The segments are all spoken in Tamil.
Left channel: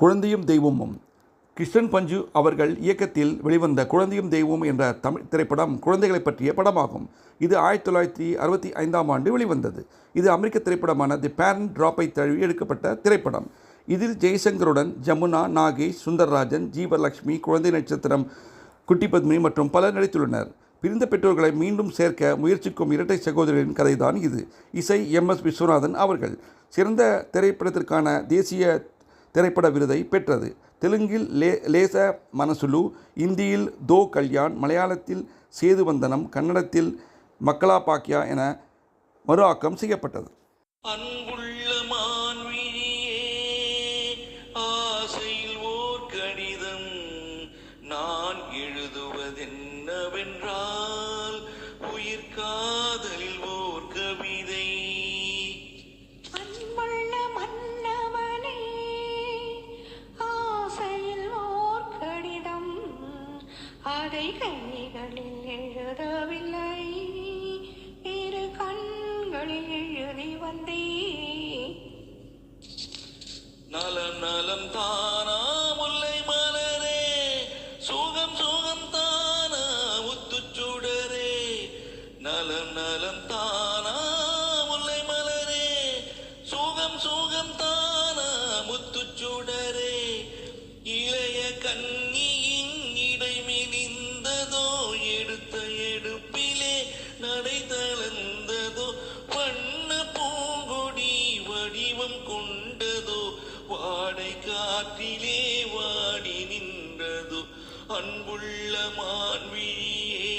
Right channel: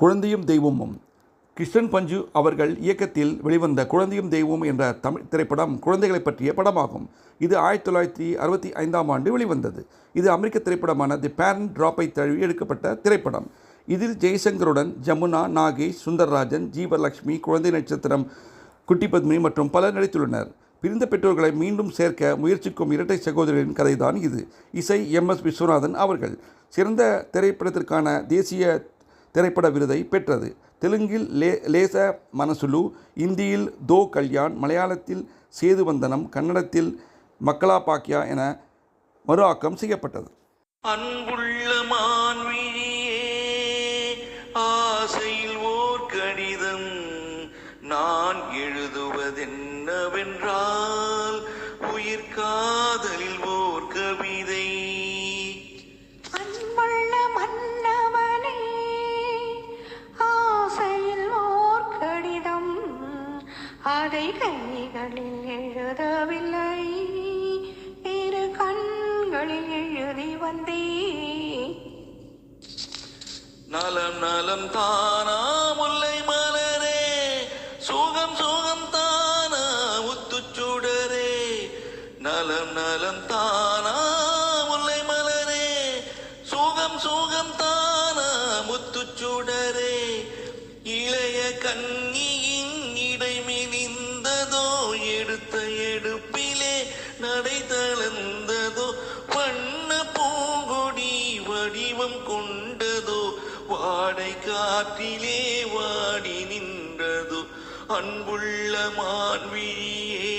குழந்தையும் தெய்வமும். கிருஷ்ணன் பஞ்சு அவர்கள் இயக்கத்தில் வெளிவந்த குழந்தையும் தெய்வம் என்ற தமிழ் திரைப்படம் குழந்தைகளை பற்றிய படமாகும். இது 1965ஆம் ஆண்டு வெளிவந்தது. இது அமெரிக்க திரைப்படமான தி பேரண்ட் டிராப்பை தழுவி எடுக்கப்பட்ட திரைப்படம். இதில் ஜெய்சங்கருடன் ஜமுனா, நாகேஷ், சுந்தர்ராஜன், ஜீவலட்சுமி, குழந்தை நட்சத்திரம் குட்டி பத்மினி மற்றும் பலர் நடித்துள்ளனர். பிரிந்த பெற்றோர்களை மீண்டும் சேர்க்க முயற்சிக்கும் இரட்டை சகோதரிகளின் கதைதான் இது. இசை எம்.எஸ். விஸ்வநாதன் அவர்கள். சிறந்த திரைப்படத்திற்கான தேசிய திரைப்பட விருதை பெற்றது. தெலுங்கில் லேச மனசுலு, இந்தியில் தோ கல்யாண், மலையாளத்தில் சேதுவந்தனம், கன்னடத்தில் மக்களா பாக்யா என மறு ஆக்கம் செய்யப்பட்டது. அன்புள்ள மான்விழியே, ஆசையில் ஓர் கடிதம் நான் எழுதுவதென்னவென்றால் உயிர் காதலில் ஓர் கவிதை. அன்புள்ள மன்னவனே, ஆசையில் ஓர் கடிதம் அதை கைகளில் எழுதவில்லை, இரு கண்களில் எழுதி வந்தே. நலம் நலம் தானா முல்லை மலரே, சுகம் சுகம் தானா முத்துச்சுடரே. நலம் நலம் தானா முல்லை மலரே, சுகம் சுகம் தானா முத்துச்சுடரே. இளைய கன்னியின் இடை மெலிந்ததோ, எடுத்த எடுப்பிலே நடை தளர்ந்ததோ. வண்ண பூங்கொடி வடிவம் கொண்டதோ, வாடை காற்றிலே வாடி நின்றதோ. அன்புள்ள மான்விழியே,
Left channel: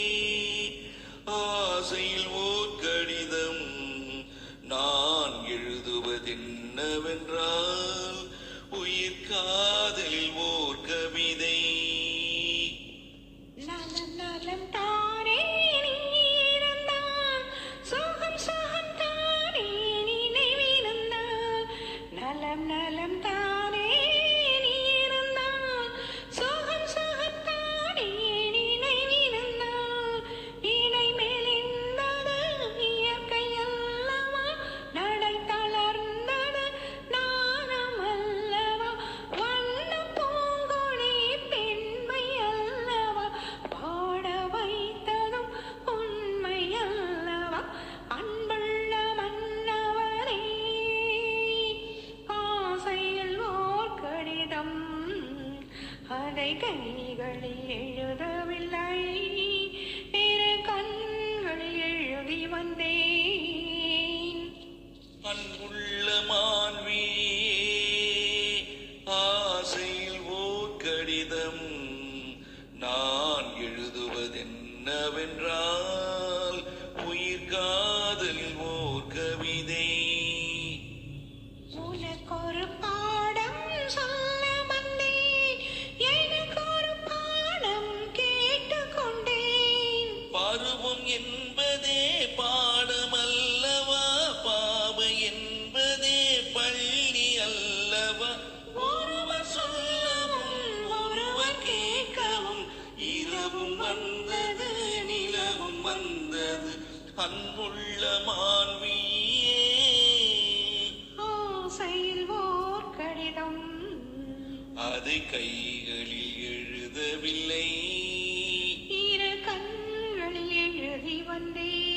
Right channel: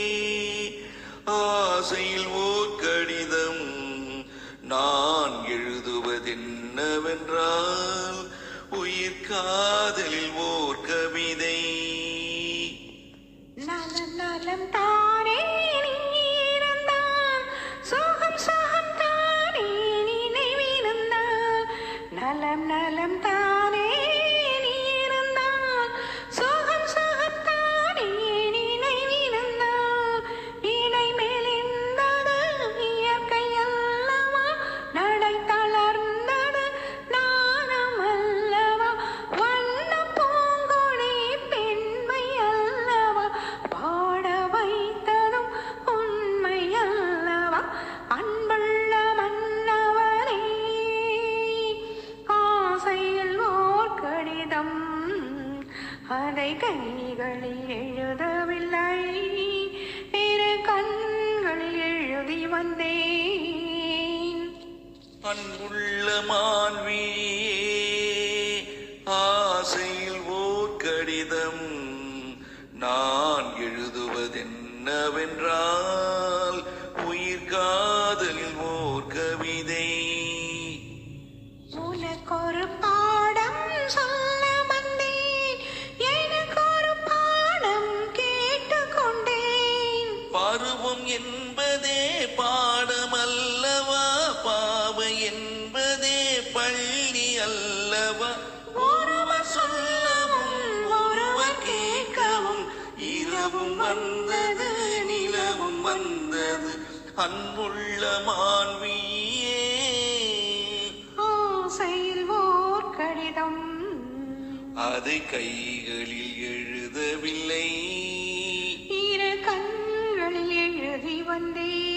ஆசையில் ஓர் கடிதம் நான் எழுதுவதென்னவென்றால் உயிர் காதலில் ஓர் கவிதை. நலம் நலம் தானே நீஇருந்தால், சுகம் சுகம் தானே நினைவிருந்தால். நலம் நலம் தானே நீஇருந்தால், சுகம் சுகம் தானே நினைவிருந்தால். இடை மெலிந்தது இயற்கை அல்லவா, நடை தளர்ந்தது நாணம் அல்லவா. வண்ண பூங்கொடி பெண்மை அல்லவா, பாட வைத்ததும் உண்மை அல்லவா. அன்புள்ள மன்னவனே, ஆசையில் ஓர் கடிதம் அதை கைகளில் எழுதவில்லை, இரு கண்களில் எழுதி வந்தேன். அன்புள்ள மான்விழியே, ஆசையில் ஓர் கடிதம் நான் எழுதுவதென்னவென்றால் உயிர் காதலில் ஓர் கவிதை. உனக்கொரு பாடம் சொல்ல வந்தேன், எனக்கொரு பாடம் கேட்டுக்கொண்டேன். பருவம் என்பதே பாடமல்லவா, பாவை என்பதே பள்ளி அல்லவா. ஒருவர் சொல்லவும் ஒருவர் கேட்கவும், இரவும் வந்தது நிலவும் வந்தது. அன்புள்ள மான்விழியே, ஆசையில் ஓர் கடிதம் அதை கைகளில் எழுதவில்லை, இரு கண்களில் எழுதி வந்தேன்.